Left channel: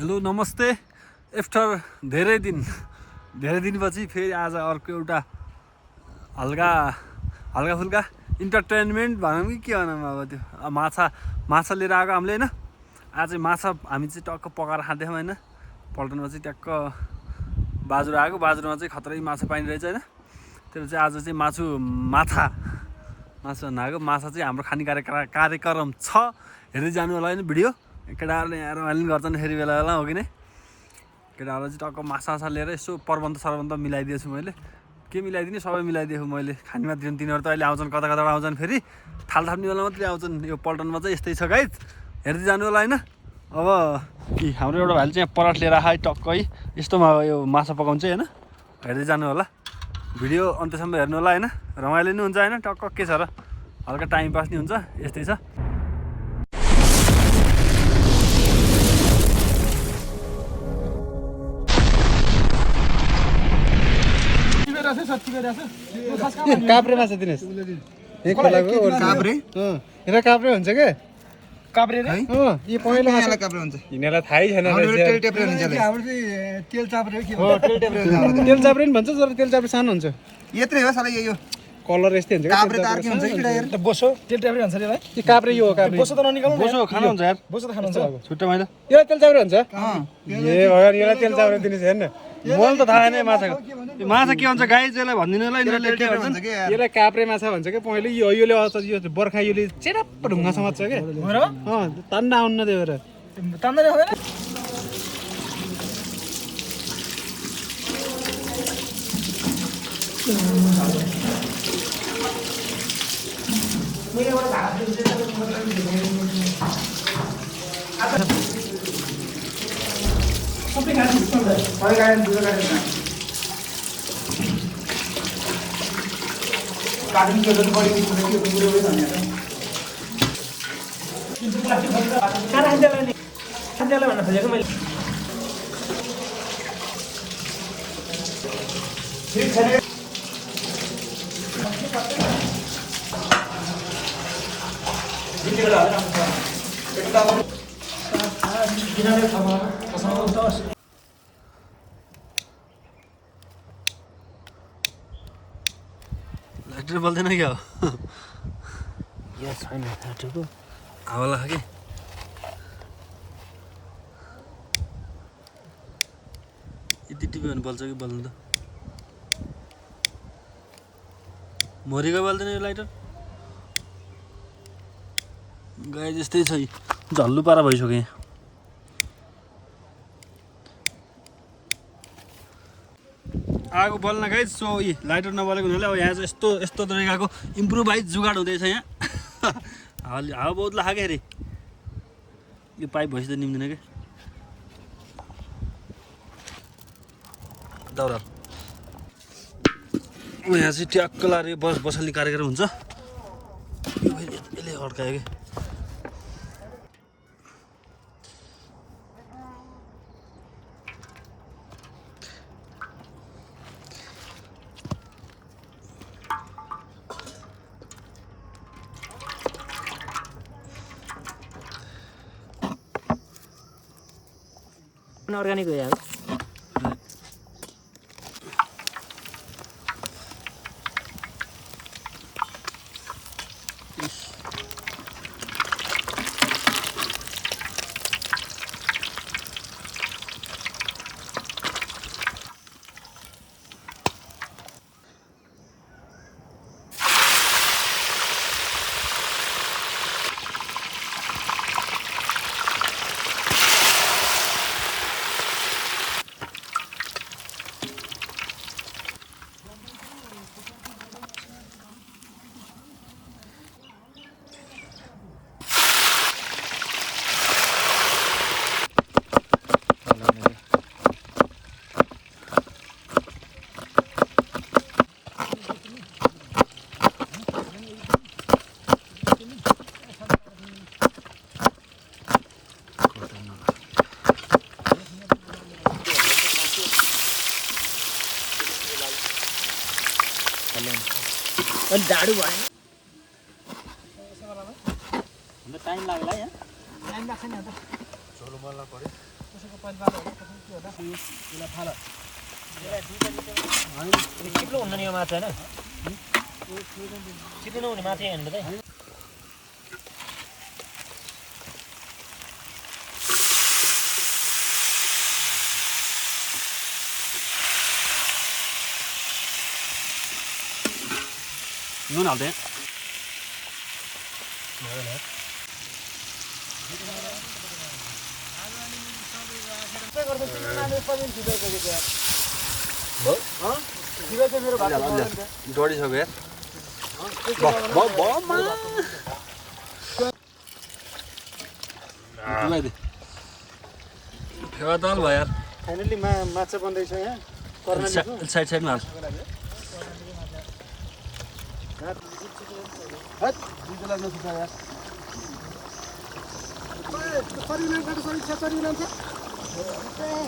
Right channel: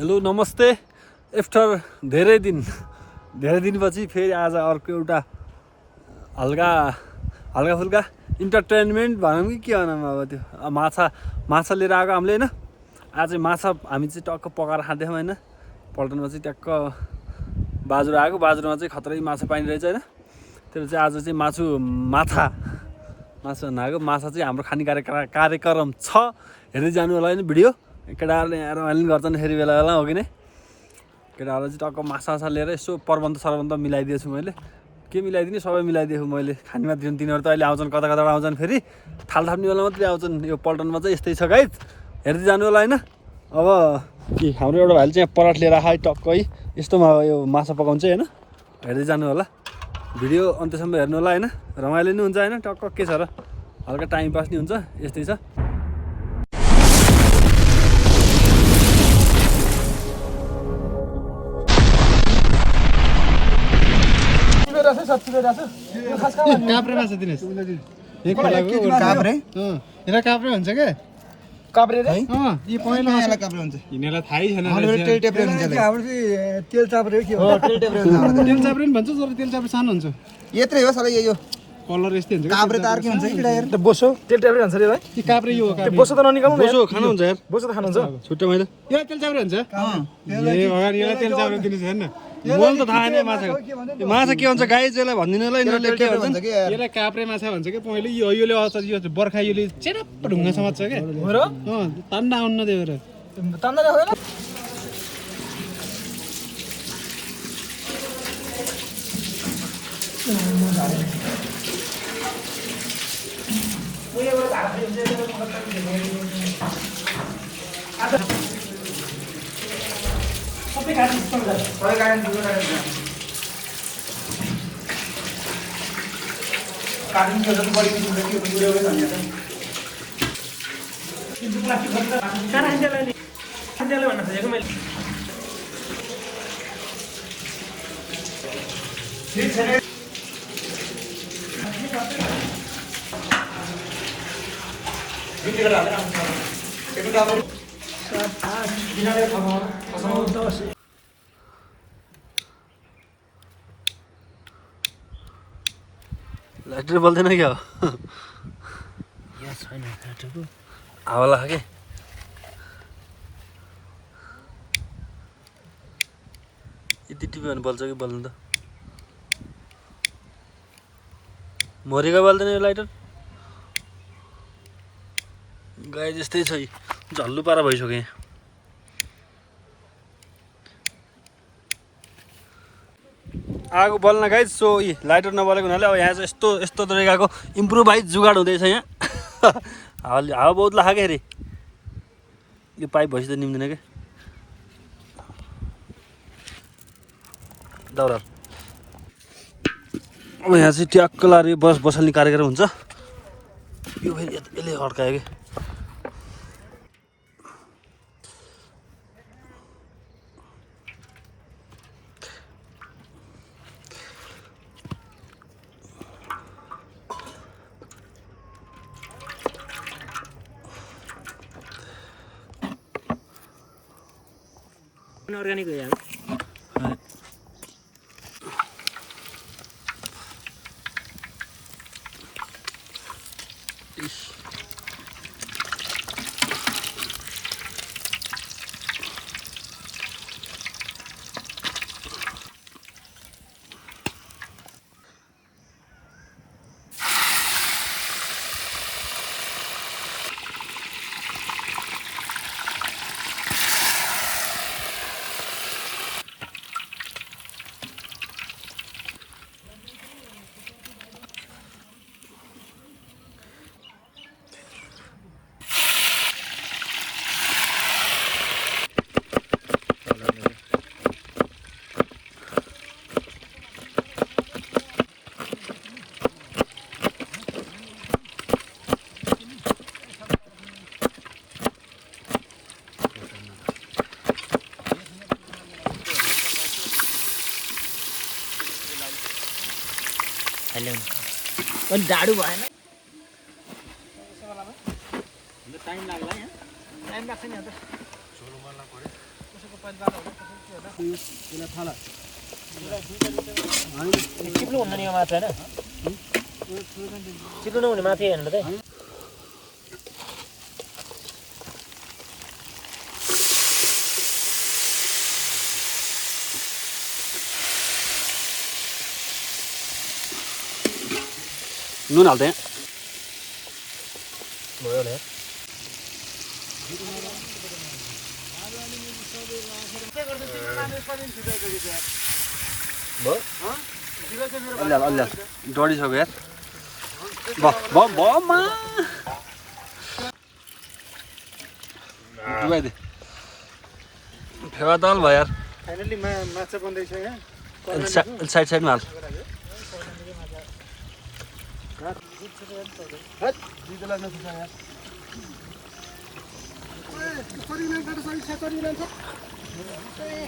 Hello नमस्ते after धेरै दिनपछि फेरि आज अर्को एउटा हल्का फुल्का इन्टरटेनमेन्ट भनौँ कि के भनौँ अब त्यो माछा लिएर आएको हामीले होइन। आज चाहिँ माछा हामी चाहिँ टक्क पकाएर खाँदैछौँ होइन। पल्टनमा चाहिँ ट्याक्क बाजुरा आएको, बाजुरामा चाहिँ खतरै माछा पाइने रहेछ होइन। त्यो चाहिँ आज चाहिँ माछा नआएको माछा चाहिँ हाम्रो खाने कार्यक्रम छ, हेर्दै जानु होला होइन भिडियो। केटाहरूले यहाँ रमाइलो गर्छन् फेरि बेला बेला हो कि नै। केटाहरूलाई चाहिँ टक्क माछा लिएर यसो प्रबन्ध मिलाइदिएछु मैले। के मिलाइदिने सबै मिलाइदिएको मैले। खाने मात्रै तिनीहरू त अहिले आउँछन्, कता आउँछन्, फेरि थाल थाप्ने बेला मात्रै आउँछन्। यो पल्टनमा चाहिँ यस्तै छ गाइज, हेर्दै जानु होला होइन। अब हाम्रो एउटा भाइले चाहिँ पराठ लिएर आयो टक्कै यस्तोमा यो माछा पकाउँछ होइन। हेर्दै जानु होला, भिडियो अन्त्यसम्म हेर्नु होला होइन। रमाइलो नि हुन्छ होइन, टक्क के छ र, हल्का टाइम पास नि हुन्छ, यस्तै छ। काप्रे माछा दिनुहोस्, काप्रे हुन्छ क्या काप्रे यिनीहरूलाई थाहै छैन। तेल चाप्रे पनि भन्छ, तर तेल चाप्रे सानो हुन्छ। यत्रै हो साला, यो कलर यस्तै हुन्छ। काप्रे त अर्कै हुन्छ कि बोसो, तेल चाप्रे भन्छ रे भाइ। यो काप्रे यो बोसो त ननिकाल्नु, बोसो खानु हुन्छ यार, बोसो त खानुहुन्छ छुट्टै मैले। यो तेल चाप्रे हुन्छ ए भगवान, यसलाई तेल चाप्रे दिनु छैन। मलाई त थाहा छैन माछाको, यो माछा के भन्छ गाइज यसलाई भनिदिनु होला। यिनीहरूले के भन्छन्, यसलाई काप्रे माछा भन्छ क्या पहिले। योले यो बर्खा योले चेरप्प ढुङ्गा समात्छ क्या, तान्दा आउन्न त्यो भएर तान्दा हुँदैन। लाइटर बल्दैन क्या हो, हावा लाग्छ कि यति टिप्यो भने बल्छ कि बल्नु त। मरेको बल्दैन यो लाइटर गाई जस्तै छ, झल्लु पारा भइसक्यो यहाँ। आगो बल्न गाइज, सो यी लाइटर नबलेको हुनाले अब यहाँ चाहिँ यस्तो तरिकाको इम्प्रुभाइज जुगाड हुँदैछ यहाँ। हावा बहुत लाग्छ क्या अरे, यो पाइप भएपछि त निम्दैन क्या दाउरा। अब यहाँ चाहिँ ट्याक्क लाएर बसाल्ने कार्यक्रम हुन्छ। यो फेरि यसले अड्कायो कि अर्ग्यानिक हो यार। झाडू भएन टाइम लाग्ला यहाँ टाइम लाग्छ नि अन्त छोड्नु बल्ल पर्यो कसैको चिप्लो हुन्न नि यो माछा होइन चिप्लो नहुने माछा हेर्नु त नुन हाल्दै डढिसक्यो यार डुबाइदे फेवा दाल भयो यार फाइनली माछा बन्दैछ यहाँ साइड साइडमा हाल